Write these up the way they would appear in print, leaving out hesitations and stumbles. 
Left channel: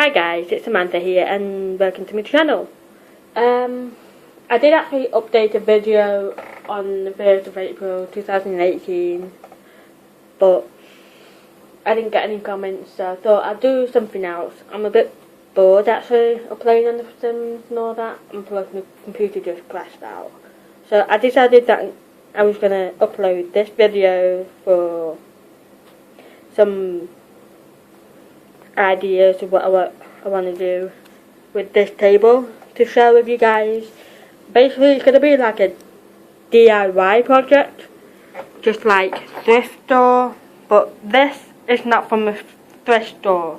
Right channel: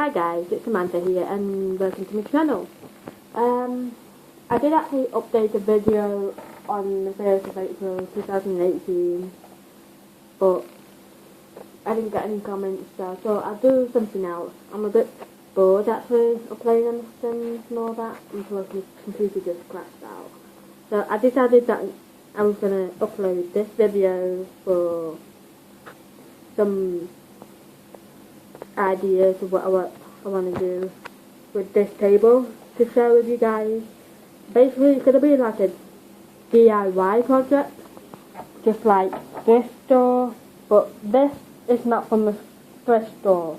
Hi guys, it's Samantha here and welcome to my channel. I did actually update a video on the 1st of April 2018, but I didn't get any comments, so I thought I'd do something else. I'm a bit bored actually uploading on the Sims and all that, and plus my computer just crashed out. So I decided that I was going to upload this video for some ideas of what I want to do with this table to share with you guys. Basically, it's going to be like a DIY project, just like thrift store, but this is not from a thrift store.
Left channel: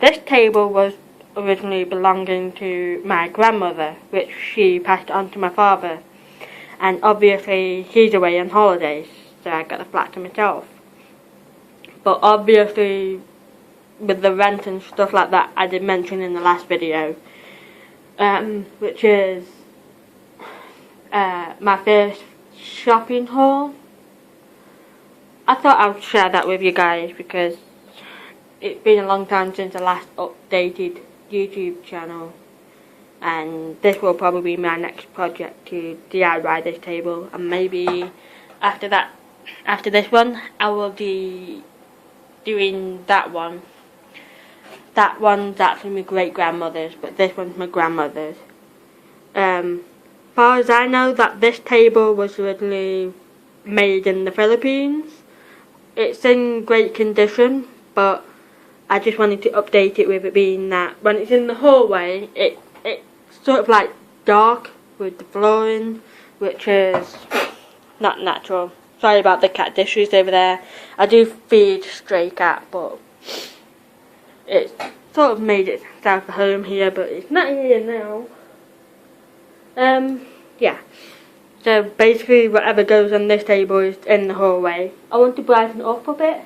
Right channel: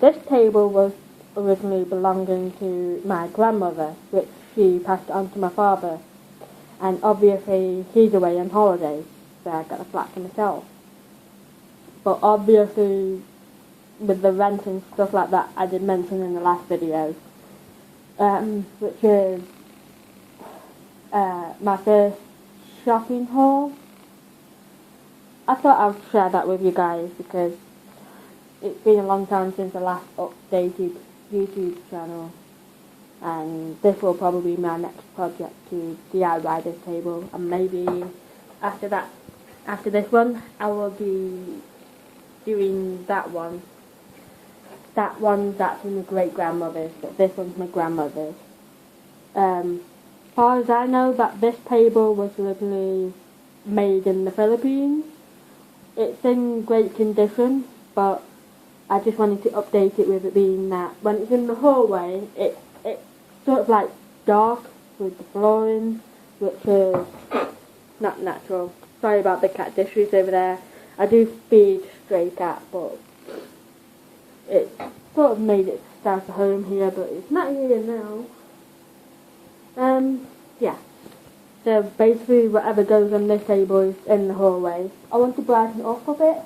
This table was originally belonging to my grandmother, which she passed on to my father, and obviously he's away on holidays, so I got the flat to myself. But obviously, with the rent and stuff like that, I did mention in the last video, which is my first shopping haul. I thought I'd share that with you guys because it's been a long time since I last updated YouTube channel, and this will probably be my next project to DIY this table, and maybe after this one, I will be doing that one. That one's actually my great-grandmother's, but this one's my grandmother's. Far as I know, that this table was originally made in the Philippines. It's in great condition, but I just wanted to update it with it being that when it's in the hallway, it's sort of like dark with the flooring, which is not natural. Sorry about the cat dishes over there. I do feed stray cat, but it's sort of made itself a home here, but it's not here now. Yeah. So basically whatever goes on this table is in the hallway. I want to brighten it up a bit,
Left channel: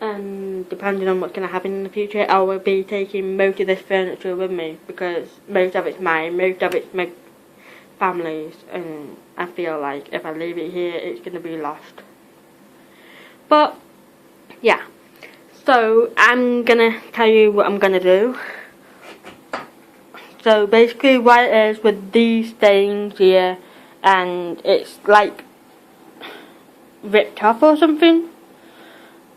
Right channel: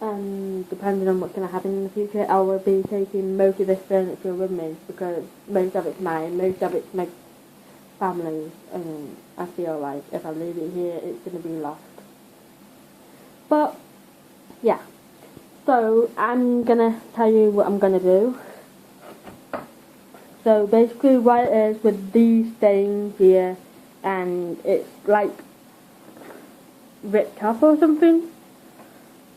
and depending on what's going to happen in the future, I will be taking most of this furniture with me, because most of it's mine, most of it's my family's, and I feel like if I leave it here, it's going to be lost. But yeah. So, I'm going to tell you what I'm going to do. So, basically what it is with these things here, and it's like ripped off or something.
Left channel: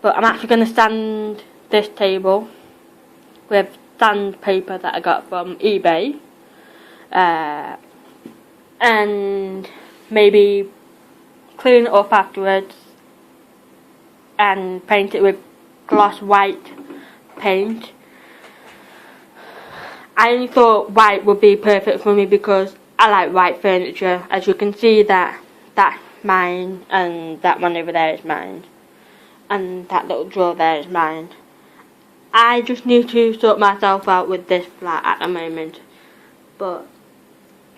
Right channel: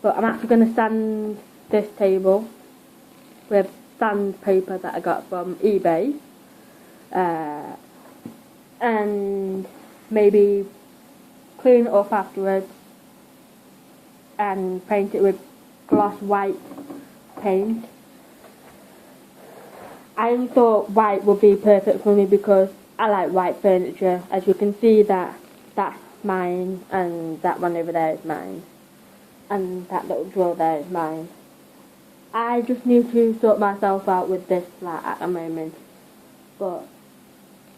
But I'm actually going to sand this table with sandpaper that I got from eBay. And maybe clean it up afterwards and paint it with gloss white paint. I only thought white would be perfect for me because I like white furniture. As you can see, that's mine, and that one over there is mine, and that little drawer there is mine. I just need to sort myself out with this flat at the moment, but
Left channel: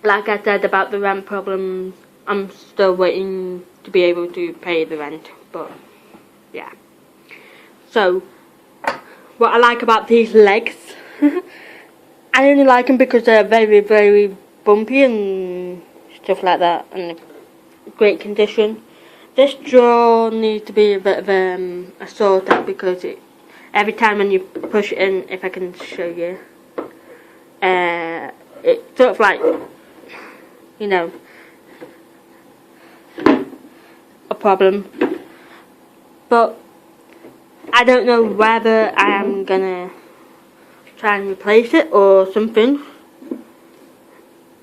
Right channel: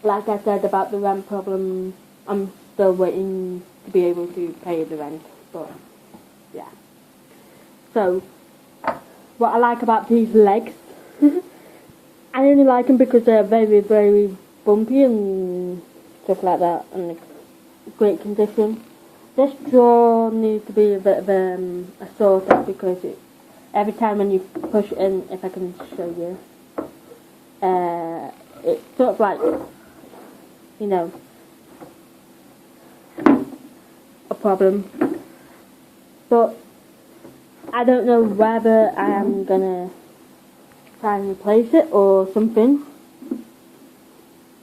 like I said about the rent problems, I'm still waiting to be able to pay the rent, but yeah. So, what I like about these legs, I only like them because they're very, very bumpy and stuff like that, and great condition. This drawer needs to be a bit of a sort of, because every time when you push it in, if I can show you, it's sort of like, you know, a problem. But I don't know whether I am gonna try and replace it or something,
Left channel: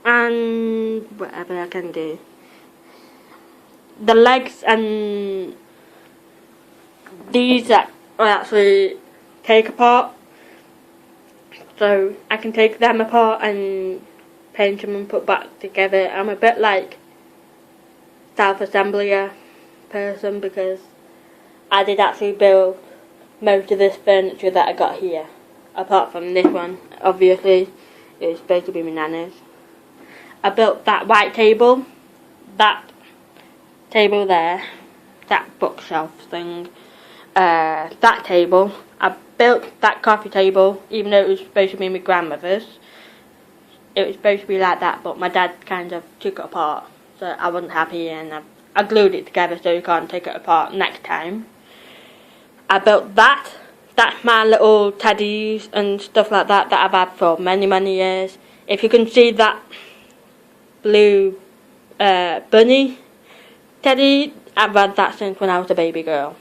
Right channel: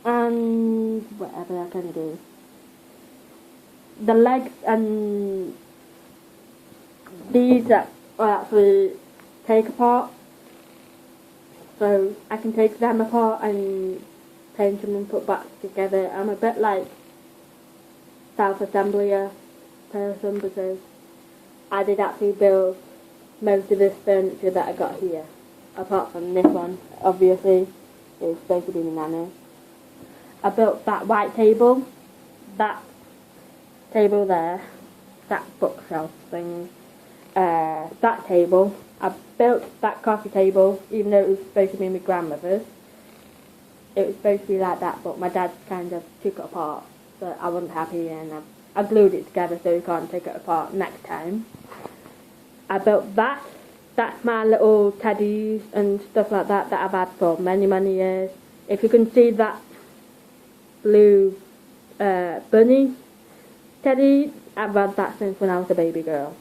and whatever I can do. The legs and these are actually take apart, so I can take them apart and paint them and put back together. I'm a bit like self-assembler person, because I did actually build most of this furniture that I got here, apart from this one. Obviously it's supposed to be my nana's. I built that white table, that table there, that bookshelf thing, that table. I built that coffee table, even though it was supposed to be my grandmother's. It was supposed to be like that, but my dad kind of took it apart, so I wasn't happy, and I glued it together so you can't take it apart next time. I built that that's my little teddies and stuff like that I've had for many years. If you can see that blue bunny teddy, I've had that since when I was a baby girl.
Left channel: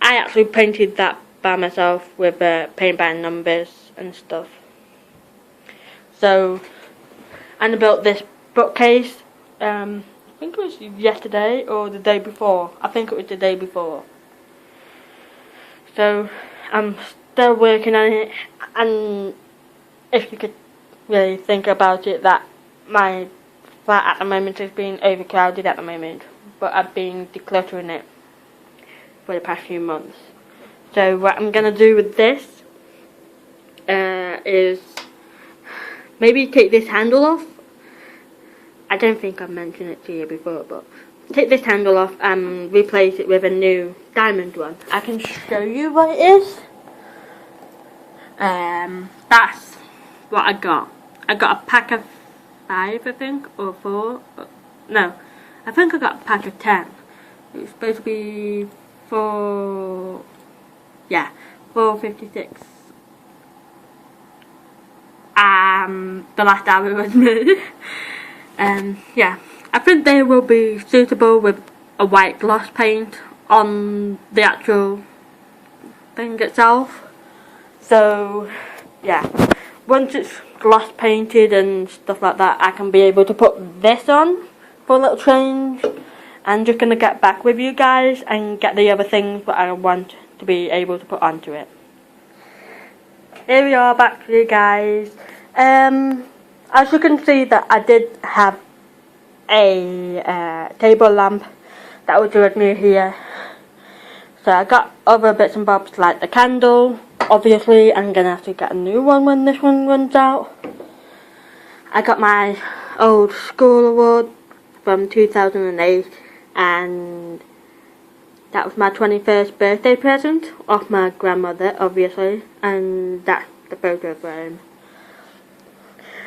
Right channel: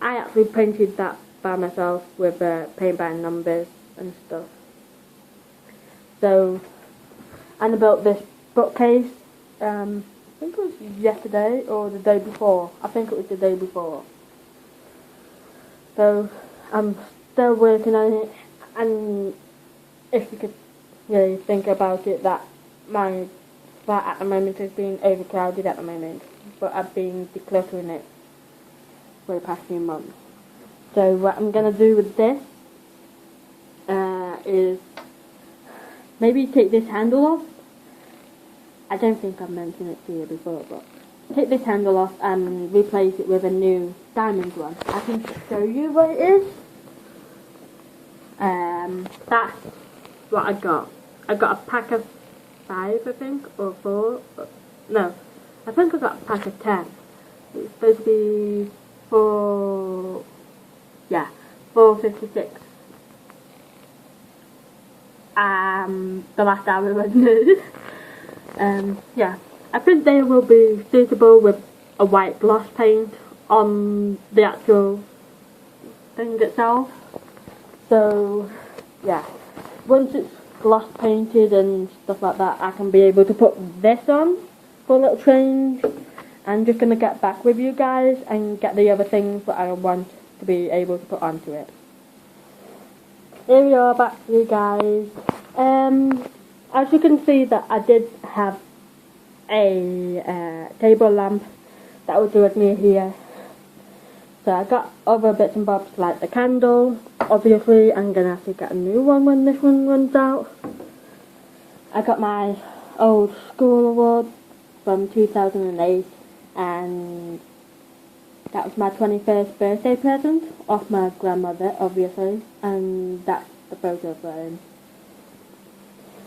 I actually painted that by myself with paint by numbers and stuff. So, and I built this bookcase, I think it was yesterday or the day before. I think it was the day before. So, I'm still working on it, and if you could really think about it, that my flat at the moment is being overcrowded at the moment, but I've been decluttering it for the past few months. So what I'm going to do with this is maybe take this handle off. I don't think I've mentioned it to you before, but take this handle off and replace it with a new diamond one. I can show you what it is. That's what I got. I got a pack of 5, I think, or 4. No, I think I got a pack of 10. It's supposed to be 456. The last time it was made. Yeah, I think they will be suitable with a white gloss paint on the actual thing itself. So, yeah, once it's gloss painted and stuff like that, I can be able to put this on for a little change. I'm just going to get back with you guys and get the other things that I want to be able to put onto it. Here we are, back with you guys. As you can see, that I did have a table lamp that was with me here. So I got other bits and bobs like the candle. Obviously, I'm going to have to get a new one when this one runs out. I got my old school award from 2008, and that was my 21st birthday present off my grandmother, obviously, and that's the photo frame.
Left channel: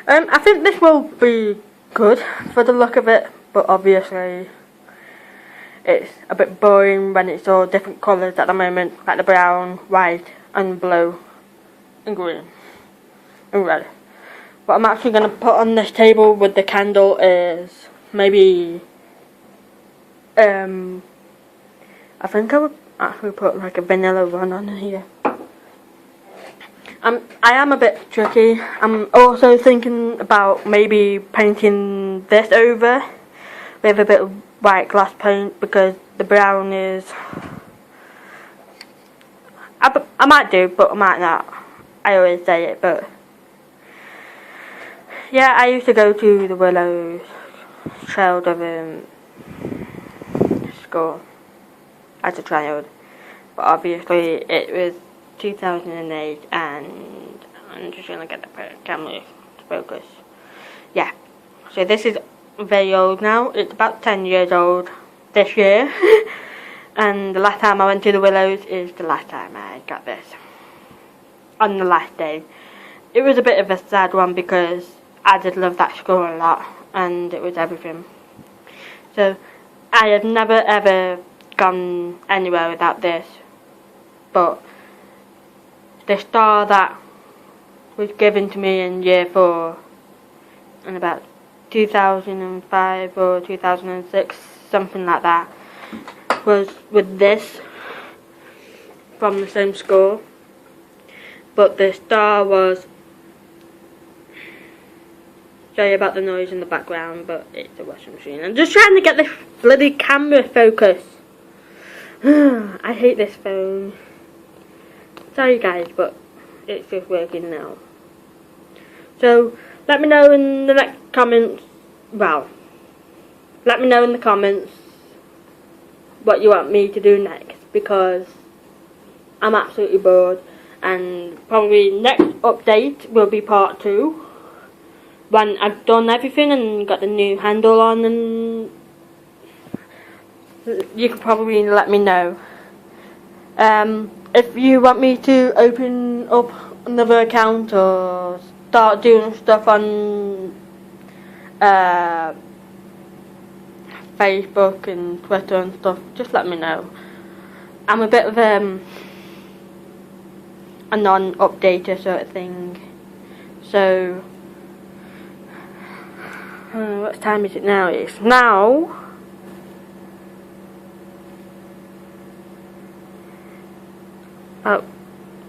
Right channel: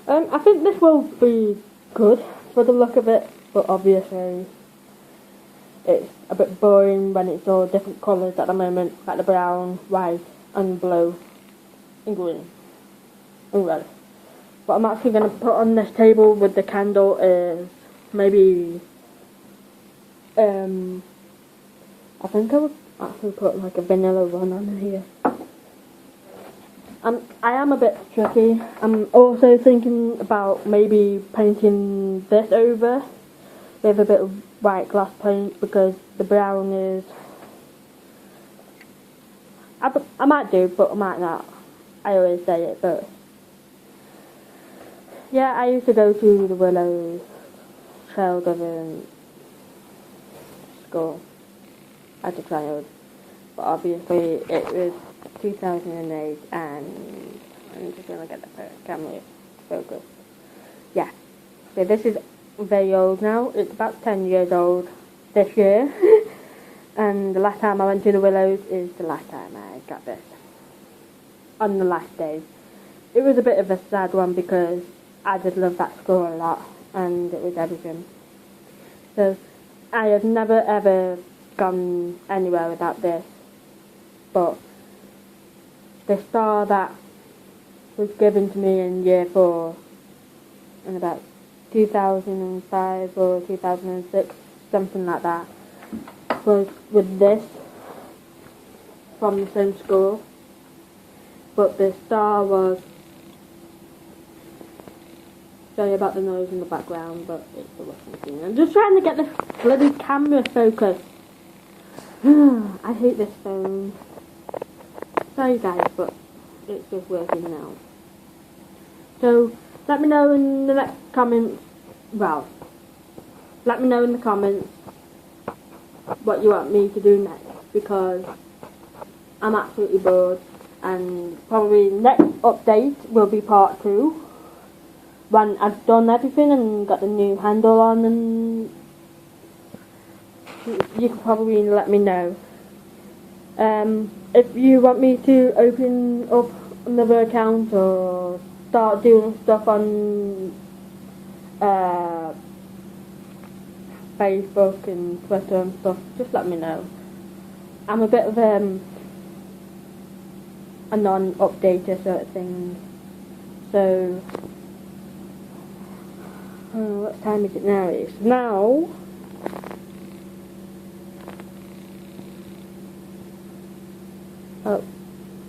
I think this will be good for the look of it, but obviously it's a bit boring when it's all different colours at the moment, like the brown, white and blue and green and red. What I'm actually going to put on this table with the candle is maybe I think I would actually put like a vanilla one on here. I am a bit tricky. I'm also thinking about maybe painting this over with a bit of white glass paint, because the brown is... I might do, but I might not. I always say it, but... Yeah, I used to go to the Willows child of school as a child, but obviously it was 2008, and I'm just gonna get the camera to focus. Yeah, so this is very old now. It's about 10 years old this year. And the last time I went to the Willows is the last time I got this. On the last day. It was a bit of a sad one because I did love that school a lot, and it was everything. So I have never ever gone anywhere without this. But the star that was given to me in year 4 in about 2005 or 2006, something like that, was with this from the same school. But the star was... Sorry about the noise in the background, but it's the washing machine. I'm just trying to get this bloody camera focused. I hate this phone. Sorry guys, but it's just working now. So let me know in the next comments. Well, let me know in the comments what you want me to do next, because I'm absolutely bored. And probably next update will be part 2, when I've done everything and got the new handle on, and you can probably let me know. If you want me to open up another account or start doing stuff on Facebook and Twitter and stuff, just let me know. I'm a bit of a non-updater sort of thing. So what time is it now? It's now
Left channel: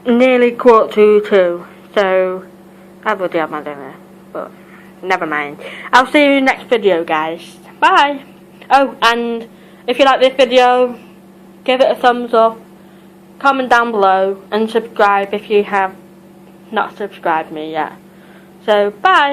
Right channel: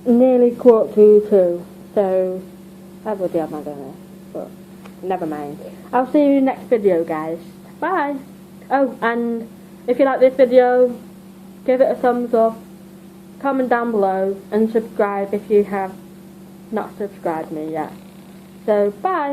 nearly 1:45. So I will do my dinner, but never mind. I'll see you in the next video, guys. Bye. Oh, and if you like this video, give it a thumbs up, comment down below, and subscribe if you have not subscribed me yet. So bye.